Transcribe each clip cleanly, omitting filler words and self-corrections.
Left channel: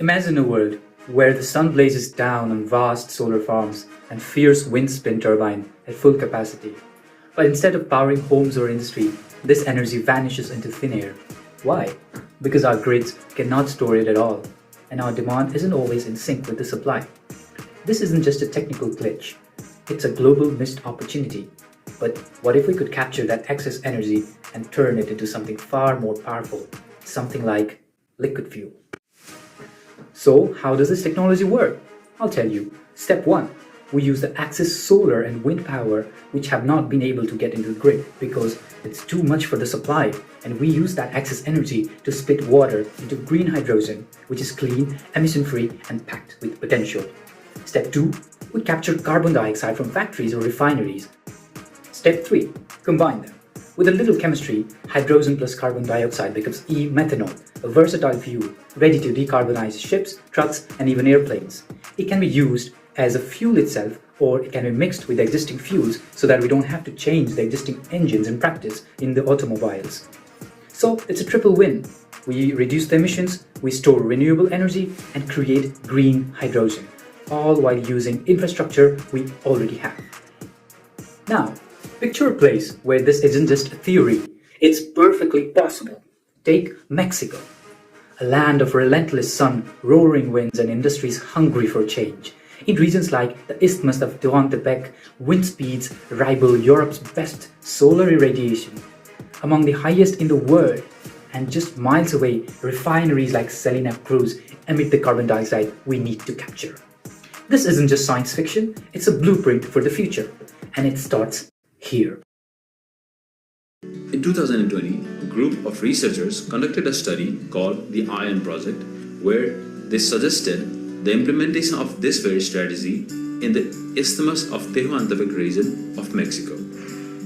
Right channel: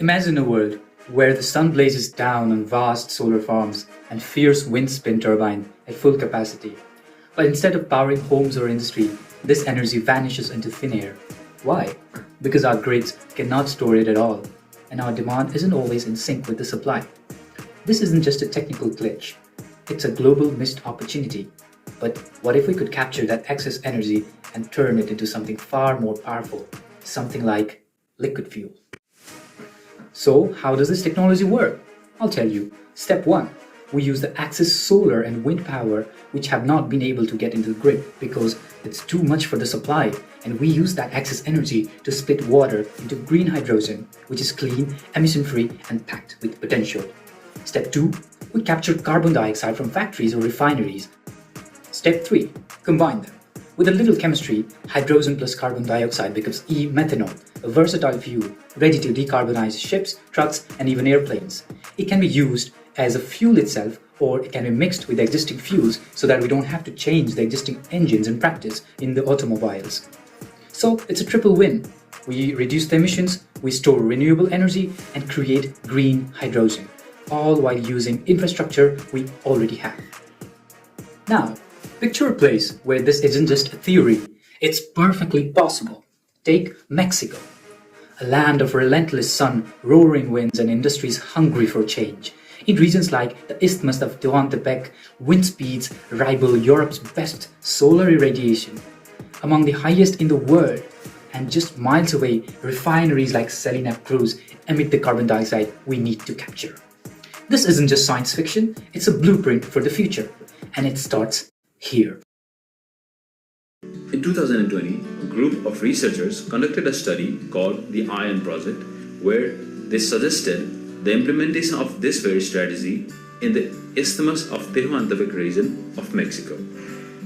Imagine a world where the sun blazes down on vast solar farms and fierce wind spin turbines at full capacity. But instead of powering homes or industry, this energy vanishes into thin air. Why? Because our grids cannot store it at all, and our demand isn't always in sync with the supply. This isn't just a technical glitch, it's a global missed opportunity. But what if we could capture that excess energy and turn it into something far more powerful? Something like liquid fuel. So, how does this technology work? I'll tell you. Step 1. We use the excess solar and wind power which have not been able to get into the grid because it's too much for the supply, and we use that excess energy to split water into green hydrogen, which is clean, emission-free and packed with potential. Step 2. We capture carbon dioxide from factories or refineries. Step 3. Combine them. With a little chemistry, hydrogen plus carbon dioxide becomes e-methanol, a versatile fuel ready to decarbonize ships, trucks, and even airplanes. It can be used as a fuel itself, or it can be mixed with existing fuels so that we don't have to change the existing engines in practice in the automobiles. So it's a triple win. We reduce the emissions, we store renewable energy, and create green hydrogen, all while using infrastructure we already have. Now, picture a place where this isn't just a theory, it's perfectly possible. Take Mexico, a land of relentless sun, roaring winds, and industries hungry for change. In regions like the Isthmus of Tehuantepec, wind speeds rival Europe's best solar irradiation, among the highest in the world, and just miles away, refineries like Salina Cruz emit the carbon dioxide we need to capture. This isn't just science fiction, it's a blueprint for the future, and it starts here. In 2020, a group of researchers conducted a study called the ION Project, where they suggested the implementation of this very strategy in the Isthmus of Tehuantepec region of Mexico.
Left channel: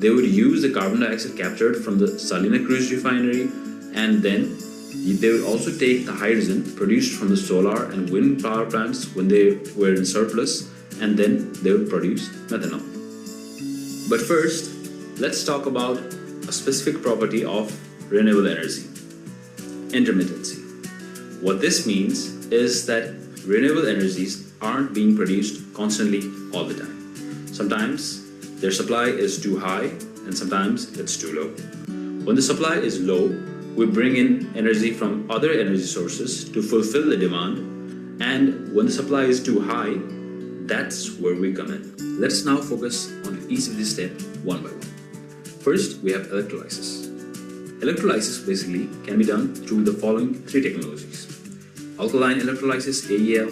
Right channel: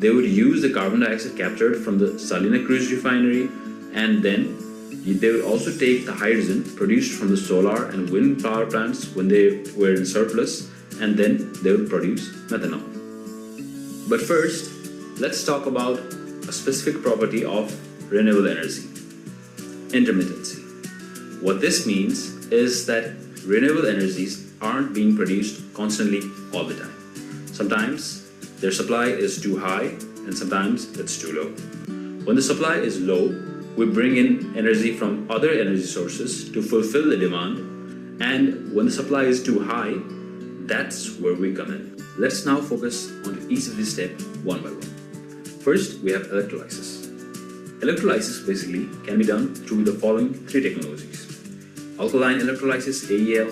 They would use the carbon dioxide captured from the Salina Cruz refinery, and then they would also take the hydrogen produced from the solar and wind power plants when they were in surplus, and then they would produce methanol. But first, let's talk about a specific property of renewable energy: intermittency. What this means is that renewable energies aren't being produced constantly all the time. Sometimes their supply is too high and sometimes it's too low. When the supply is low, we bring in energy from other energy sources to fulfill the demand, and when the supply is too high, that's where we come in. Let's now focus on each of these steps one by one. First, we have electrolysis. Electrolysis basically can be done through the following three technologies: alkaline electrolysis (AEL),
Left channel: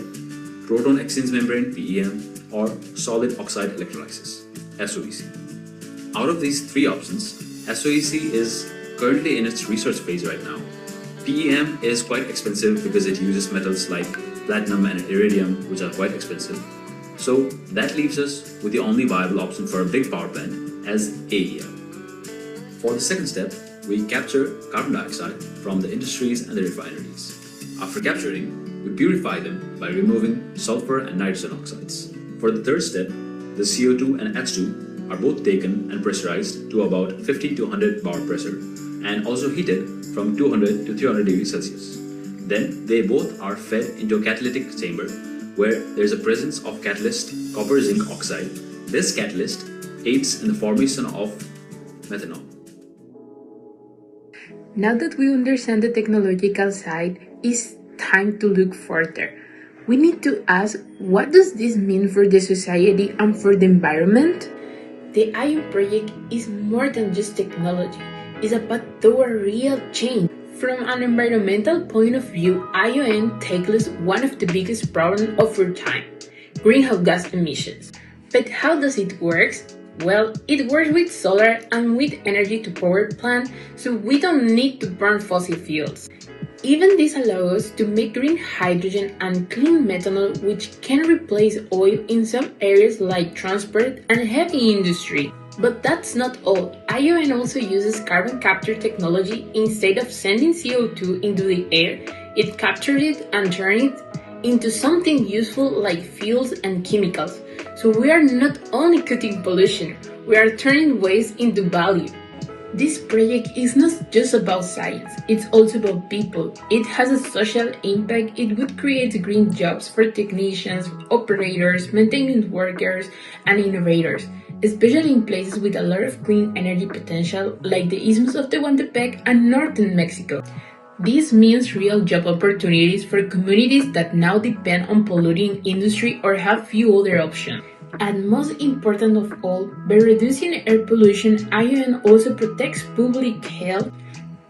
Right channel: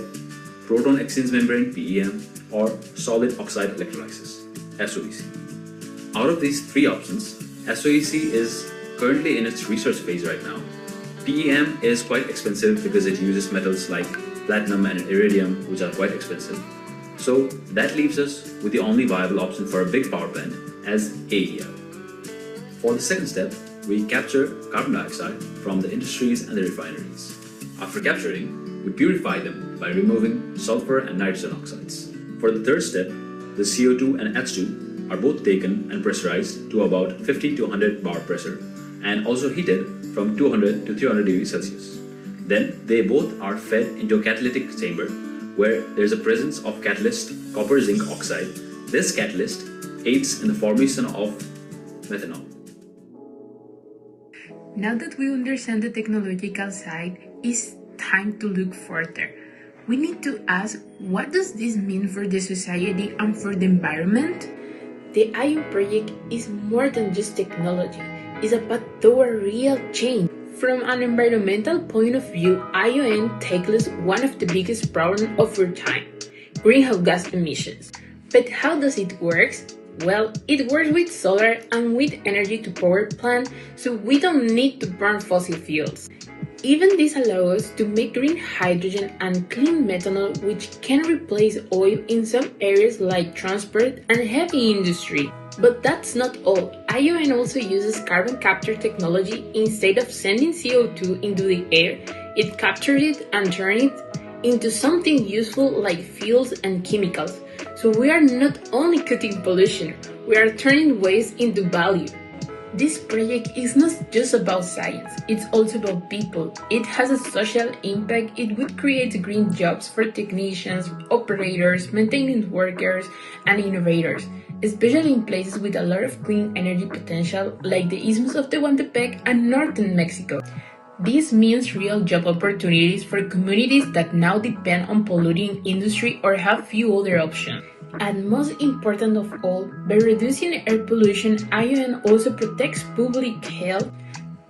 proton exchange membrane (PEM), or solid oxide electrolysis (SOEC). Out of these three options, SOEC is currently in its research phase right now. PEM is quite expensive because it uses metals like platinum and iridium, which are quite expensive. So that leaves us with the only viable option for a big power plant as AEL. For the second step, we capture carbon dioxide from the industries and the refineries. After capturing, we purify them by removing sulfur and nitrogen oxides. For the third step, the CO2 and H2 are both taken and pressurized to about 50 to 100 bar pressure, and also heated from 200 to 300 degrees Celsius. Then they both are fed into a catalytic chamber where there is a presence of catalyst copper zinc oxide. This catalyst aids in the formation of methanol. Now that we understand the technological side, it's time to look further. We need to ask, what does this mean for the society and for the environment? The ION project is more than just technology. It's about toward real change. From an environmental point of view, ION tackles one of the biggest problems of our time: greenhouse gas emissions. But how does it work? Well, it works with solar and wind energy to power plant, so we don't need to burn fossil fuels. Even this allows us to make green hydrogen and clean methanol, which can replace oil in some areas like transport and heavy industry. But that's not all. ION also uses carbon capture technology. Instead of sending CO2 into the air, it captures it and turns it into something useful like fuels and chemicals. So we are not only cutting pollution, we are turning waste into value. This project is not just about science, it's also about people. It has a social impact. It would create green jobs for technicians, operators, maintenance workers, and innovators, especially in places with a lot of clean energy potential like the Isthmus of Tehuantepec and northern Mexico. This means real job opportunities for communities that now depend on polluting industry or have few other options. And most important of all, by reducing air pollution, ION also protects public health.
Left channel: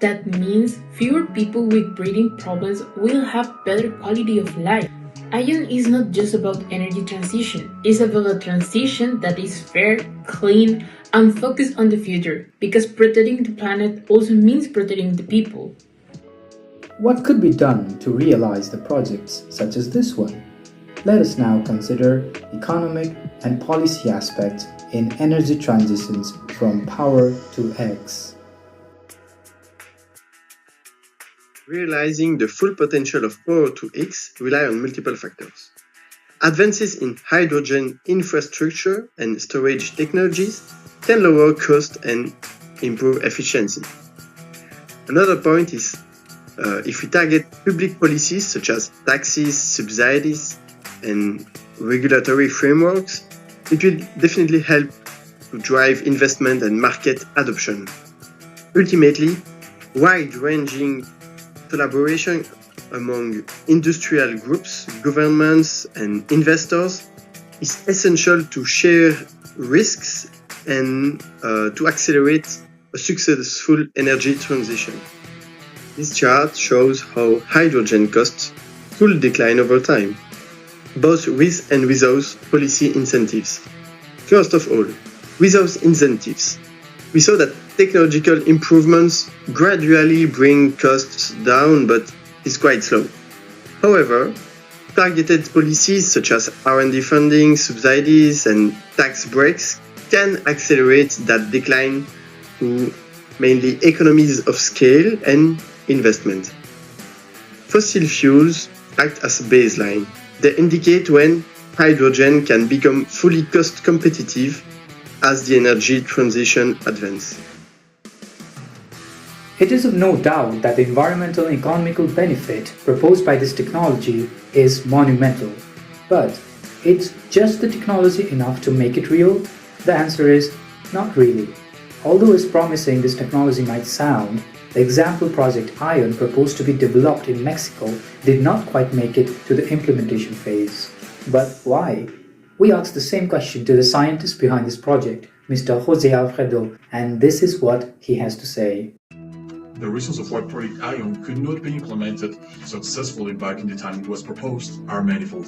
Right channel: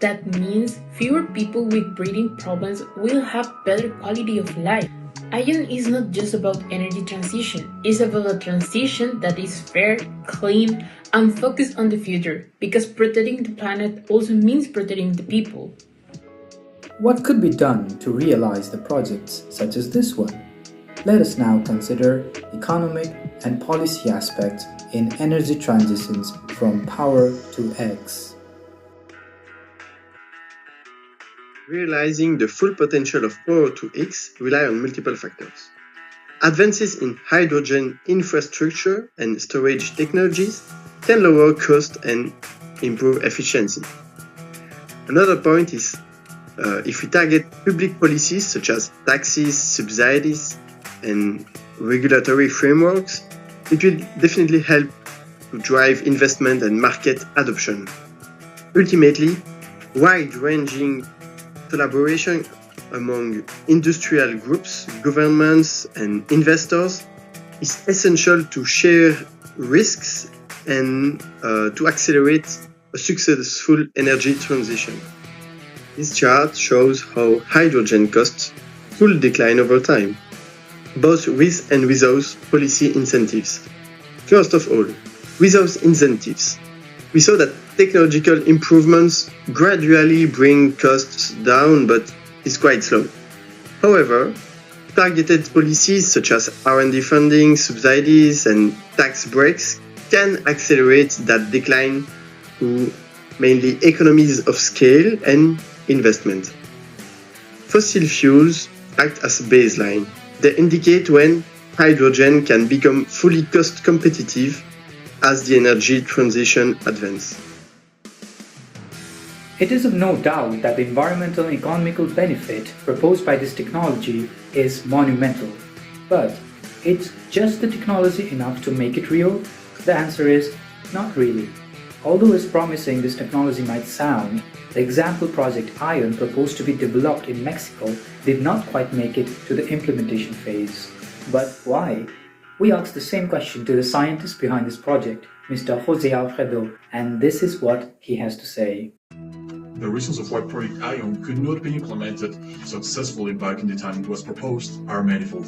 That means fewer people with breathing problems will have better quality of life. ION is not just about energy transition, it's about a transition that is fair, clean, and focused on the future, because protecting the planet also means protecting the people. What could be done to realize the projects such as this one? Let us now consider economic and policy aspects in energy transitions from power to X. Realizing the full potential of power to X rely on multiple factors. Advances in hydrogen infrastructure and storage technologies can lower cost and improve efficiency. Another point is if we target public policies such as taxes, subsidies, and regulatory frameworks, it will definitely help to drive investment and market adoption. Ultimately, wide-ranging collaboration among industrial groups, governments, and investors is essential to share risks and to accelerate a successful energy transition. This chart shows how hydrogen costs could decline over time, both with and without policy incentives. First of all, without incentives, we saw that technological improvements gradually bring costs down, but it's quite slow. However, targeted policies such as R&D funding, subsidies, and tax breaks can accelerate that decline through mainly economies of scale and investment. Fossil fuels act as a baseline. They indicate when hydrogen can become fully cost competitive as the energy transition advances. It is of no doubt that the environmental and economical benefit proposed by this technology is monumental. But is just the technology enough to make it real? The answer is not really. Although as promising this technology might sound, the example project ION proposed to be developed in Mexico did not quite make it to the implementation phase. But why? We asked the same question to the scientist behind this project, Mr. Jose Alfredo, and this is what he has to say. The reasons of why Project ION could not be implemented successfully back in the time it was proposed are manifold.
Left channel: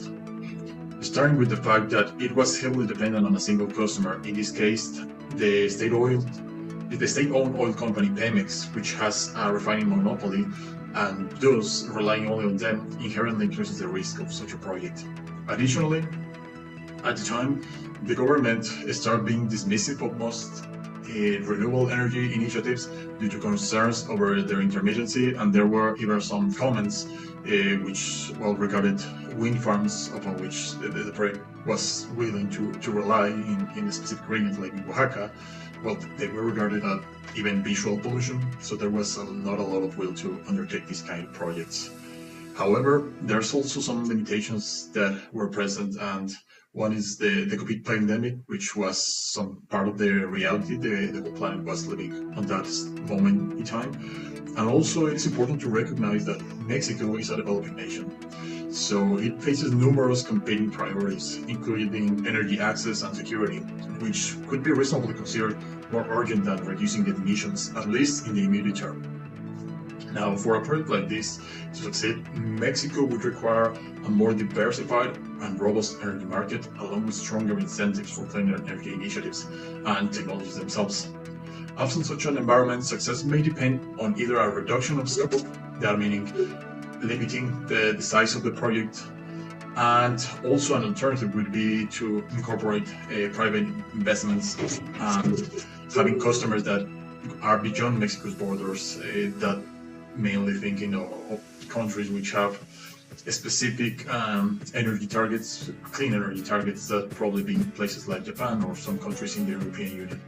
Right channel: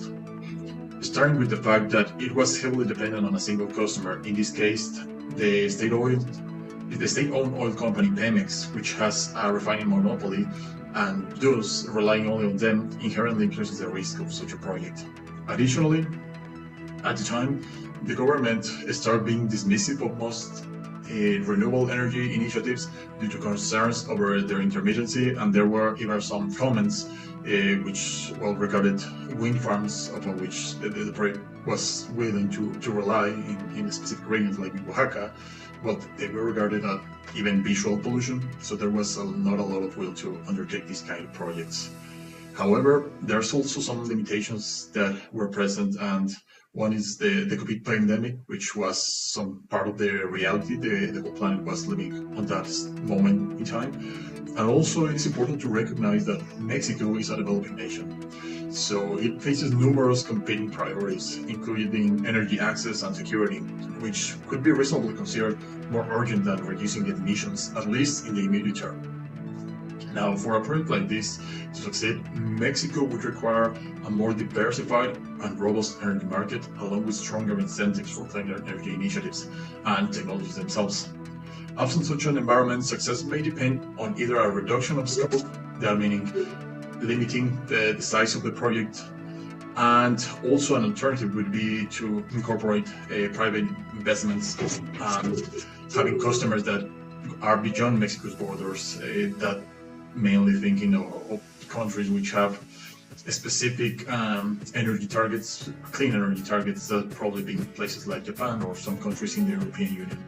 Starting with the fact that it was heavily dependent on a single customer, in this case, the state-owned oil company Pemex, which has a refining monopoly, and thus relying only on them inherently increases the risk of such a project. Additionally, at the time, the government started being dismissive of most renewable energy initiatives due to concerns over their intermittency, and there were even some comments which regarded wind farms upon which the project was willing to rely in a specific region like in Oaxaca. Well, they were regarded as even visual pollution, so there was not a lot of will to undertake these kind of projects. However, there's also some limitations that were present, and one is the COVID pandemic, which was some part of the reality the whole planet was living at that moment in time. And also it's important to recognize that Mexico is a developing nation. So it faces numerous competing priorities, including energy access and security, which could be reasonably considered more urgent than reducing the emissions, at least in the immediate term. Now, for a project like this to succeed, Mexico would require a more diversified and robust energy market, along with stronger incentives for cleaner energy initiatives and technologies themselves. Absent such an environment, success may depend on either a reduction of scope, that meaning limiting the size of the project, and also an alternative would be to incorporate private investments and having customers that are beyond Mexico's borders, that mainly thinking of countries which have specific energy targets, clean energy targets, that probably be places like Japan or some countries in the European Union.